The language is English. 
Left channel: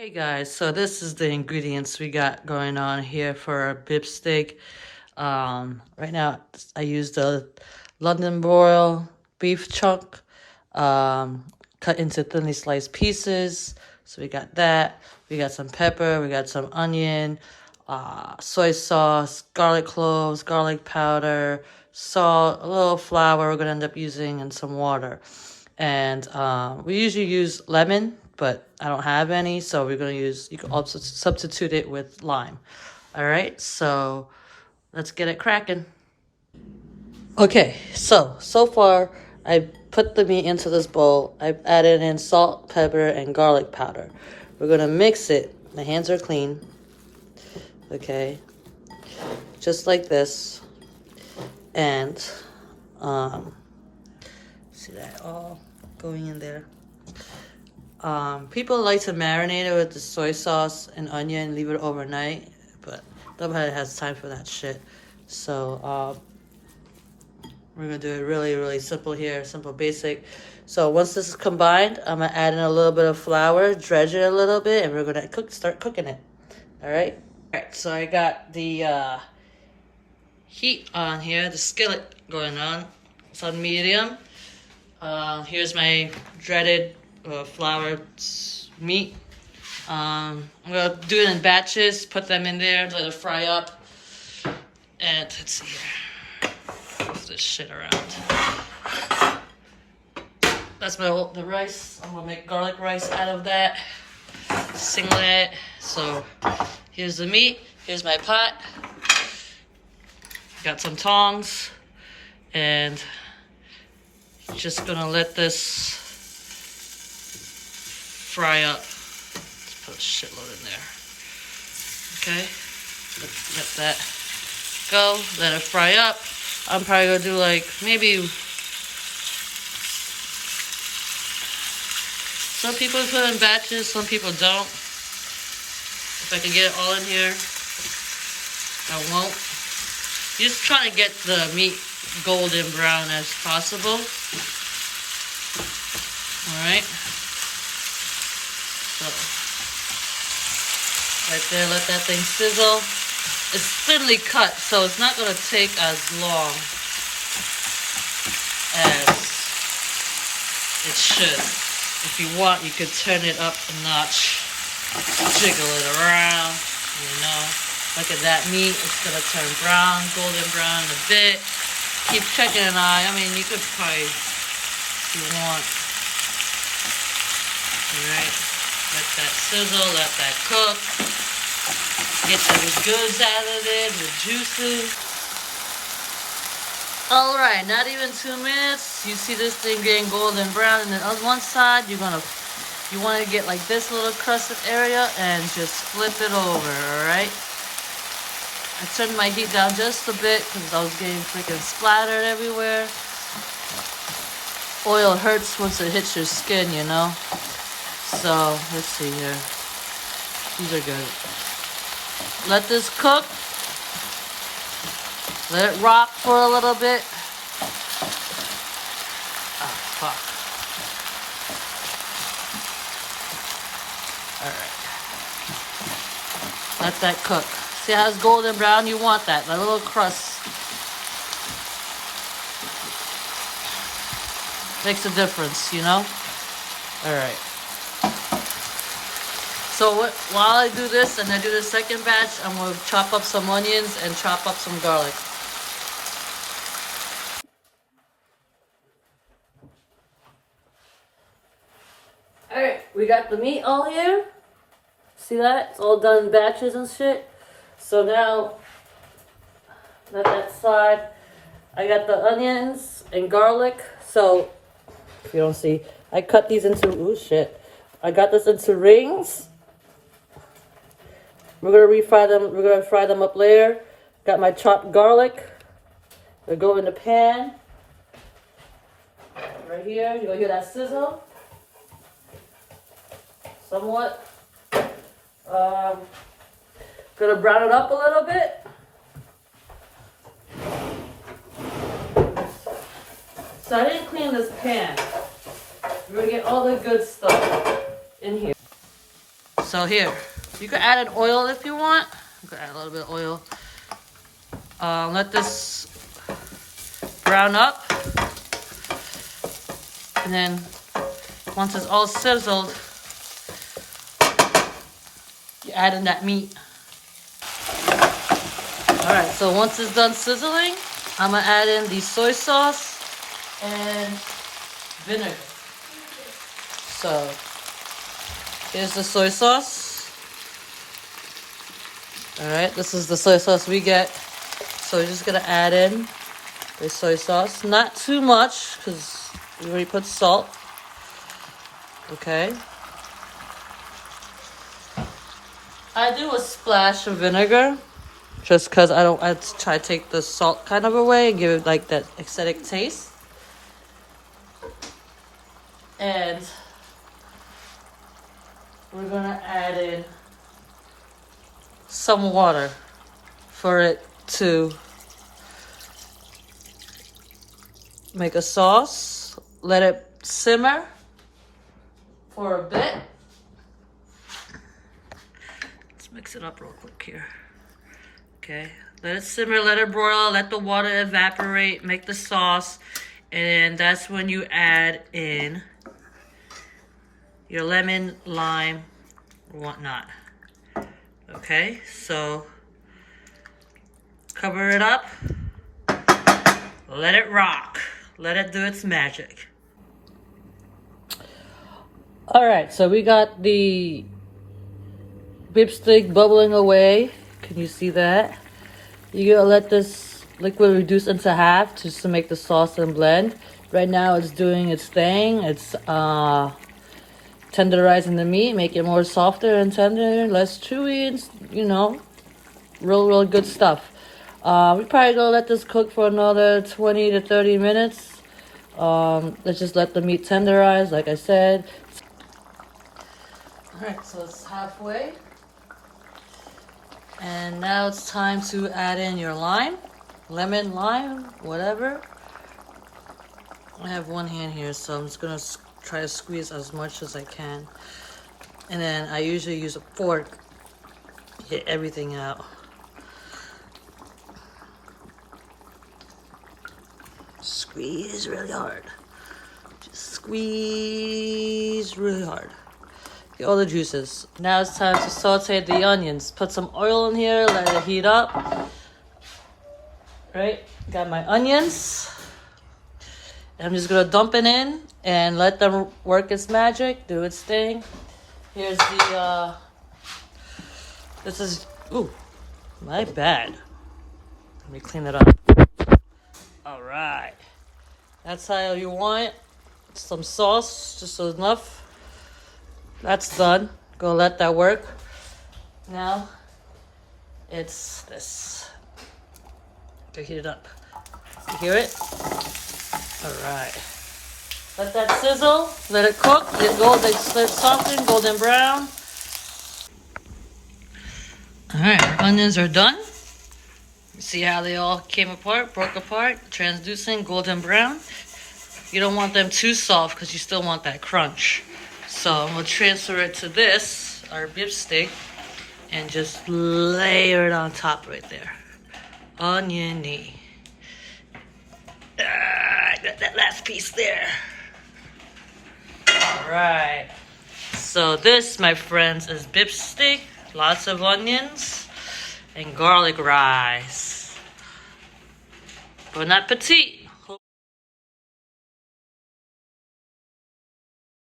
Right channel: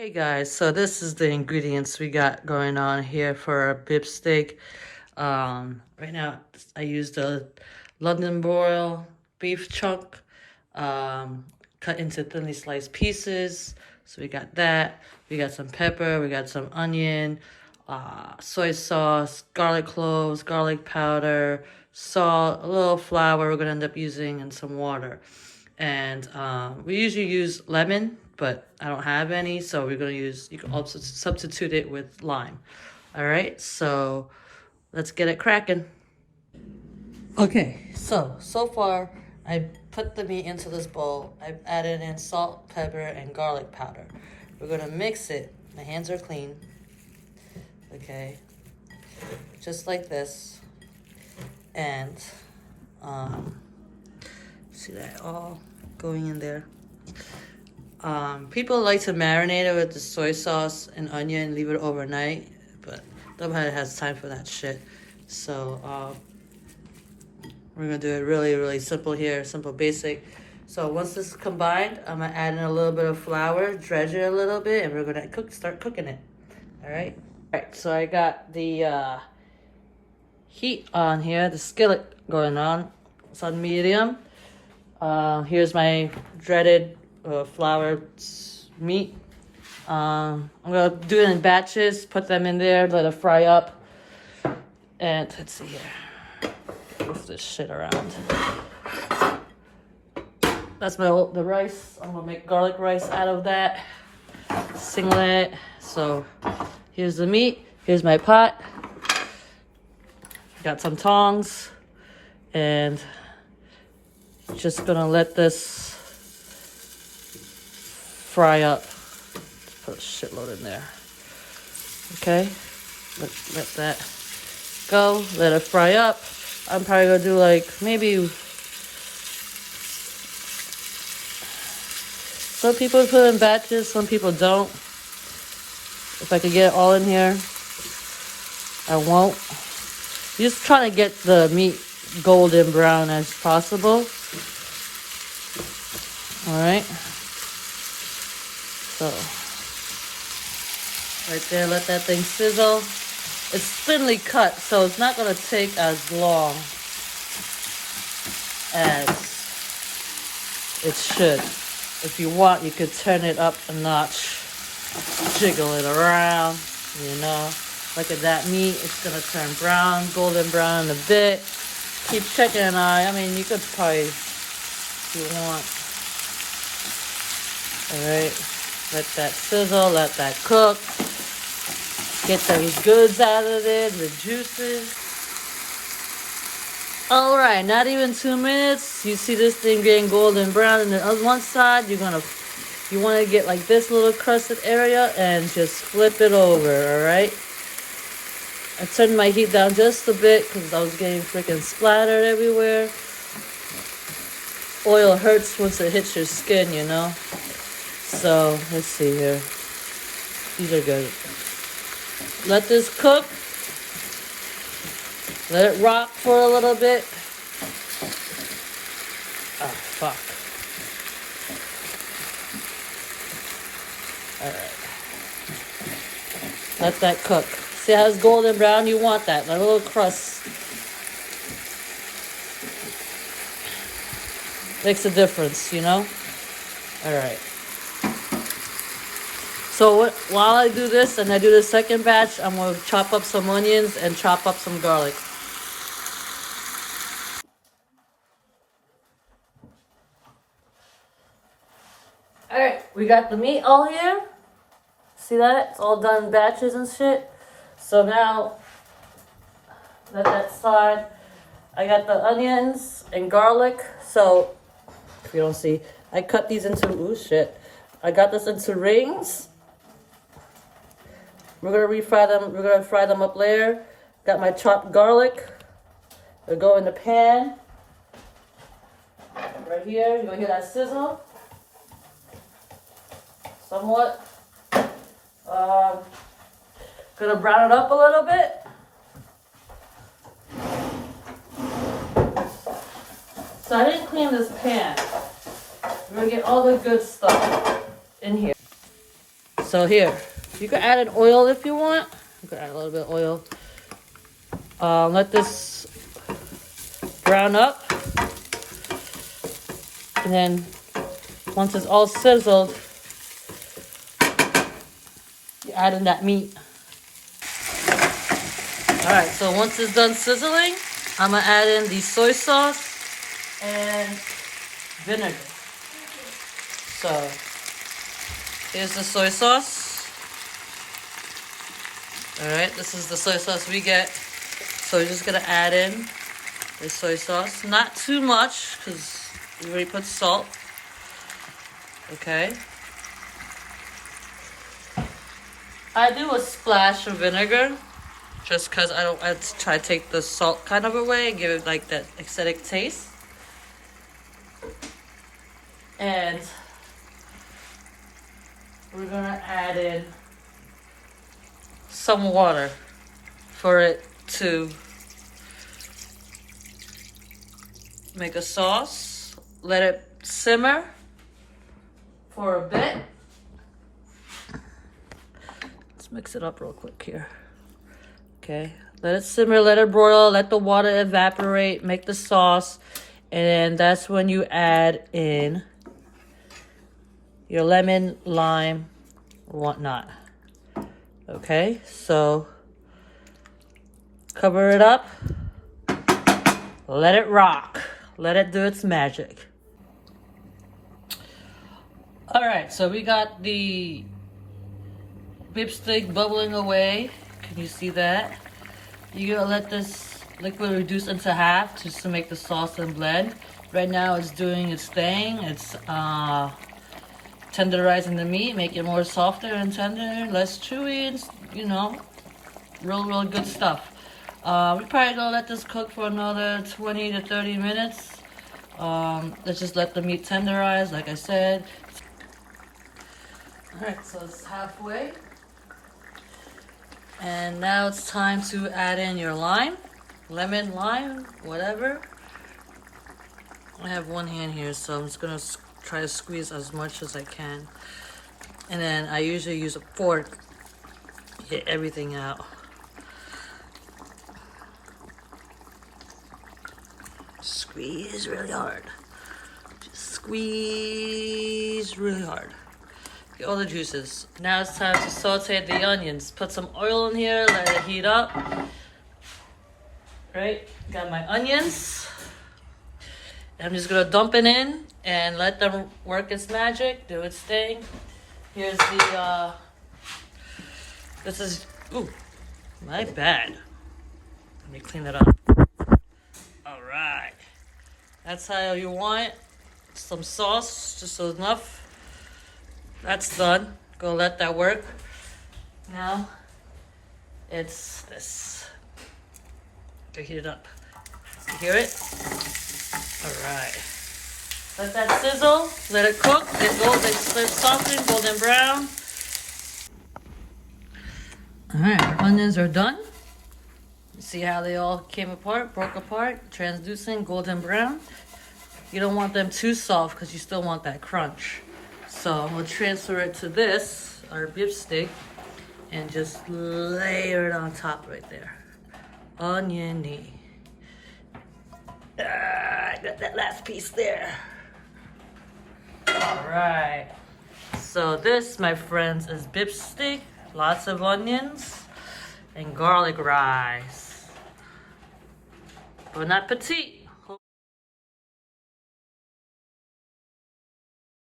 Hey guys, so this is the ingredients we got going on here for our Bistek. Right now I use the London broil beef chunk, cut into thinly sliced pieces. So we got that. We got some pepper. We got some onion, soy sauce, garlic cloves, garlic powder, salt, a little flour we're gonna end up using, and some water. And we usually use lemon, but I don't have any, so we're gonna use, you can also substitute it with lime. All right, so let's get it cracking. Okay, so far I put the meat into this bowl. I've added in salt, pepper, and garlic powder. We're gonna mix it. My hands are clean. Okay, just like this. And see that all going in there. People like to marinate it with the soy sauce and onion, leave it overnight, but nobody has time for that shit. So we're gonna do it really simple here, simple, basic. So once this is combined, I'm gonna add in a little bit of flour, dredge it a little bit, and we're gonna start cooking it. All right. So I got the heat on here, the skillet going on. It's on medium. Here's my dreaded flour meat. I'm gonna do it in batches, put them in there, let it fry up. And let's see here. Move this shit around. That's the rice. I'm gonna make garlic rice out of that. Singlet. So here's the meat. Here's my pot. Got some tongs. And just gonna let this fry up. Let's put a shitload in there. Okay, let that go. Let it fry up. I'm probably gonna do like maybe. Some people put in batches, some people don't. If I could get it all in here, I won't. Just trying to get the meat golden brown as possible. All right. So right there, let that thing sizzle. It's thinly cut, so it's not gonna take as long as it should. If you want, you could turn it up a notch, jiggle it around, you know. Look at that meat, it's gonna turn brown, golden brown in a bit. Keep checking an eye. I mean, you could probably, if you want. All right, let that sizzle, let that cook. Get those goods out of there, the juices. All right, not even 2 minutes. You see this thing getting golden brown, and then on one side, you want to get like this little crusted area and just flip it over. All right. I turned my heat down just a bit because I was getting freaking splattered everywhere. Oil hurts once it hits your skin, you know. So let's see here. These are good. Let this cook. Let it rock for a little bit. Oh, fuck. All right. Let that cook. See how it's golden brown? You want that little crust. Makes a difference, you know? All right. So while I do this and I do the second batch, I'm going to chop up some onions and chop up some garlic. All right, we got the meat all here. See that? It's all done in batches and shit. So now, let that slide. I got the onions and garlic. So, if you don't see, I cut these into, ooh shit. I got this into rings. We're gonna refry them. We're gonna fry them up later. Got my chopped garlic. They go in the pan. Right here. You're gonna hear that sizzle. Somewhat. Gonna brown it up a little bit. So I didn't clean this pan. We're gonna get all the good stuff in here. So here, you can add an oil if you want. You can add a little bit of oil. Let this brown up. And then once it's all sizzled, you add in that meat. Alright, so once it's done sizzling, I'm going to add in the soy sauce and vinegar. So, here's the soy sauce. Alright, this is the soy sauce we get. So we're just going to add in the soy sauce. Not too much, because we already put salt. Okay. I do a splash of vinegar. Just because I try to take the salt kind of away and give it like that acidic taste. And we're going to add in some water for it to make a sauce. Let it simmer for a bit. Let's mix it up real quick here. Okay, let it simmer, let it broil, let the water evaporate, make the sauce, and that's when you add in your lemon, lime, or whatnot. Okay, so cover it up, let it rock, let it do its magic. All right, so we got the beef steak bubbling away. Can you see that? You're gonna let this liquid reduce into half just to make the sauce and blend. Right now it's doing its thing. It's tenderizing the meat, make it more softer and tender, less chewy, and, you know, real good stuff. We're probably gonna let this cook for another 20 to 30 minutes. Let's just let the meat tenderize, like I said. All right, so it's halfway. And now it's time to add in your lime, lemon, lime, whatever. I have one hand here, so I'm just gonna try to squeeze as much as I can. And then I usually use a fork to get everything out. Squeeze really hard. Just squeeze really hard. Get all the juices. Now it's time to saute the onions. Put some oil in here, let it heat up. Right, got my onions. I'm just gonna dump it in and let them work its magic, do its thing. Here's the, this is, ooh, my bad. Let me clean it up. All right, that's how you want it. Some sauce, just enough. That's done. Go let that work. Now, it's this. Go heat it up. You hear it? All right. Let that sizzle. Let it cook. Let it soften, golden brown. All right, our onions are done. You see how they all came apart, broke apart, translucent, golden brown. You don't want them too soft because you still want that crunch. So I'm gonna transfer it to this, our beef steak, and just layer it on top right there. Oniony. I got that last piece there. All right. So this, my friends, is beef steak, lots of onions, and garlic rice. Bon appetit.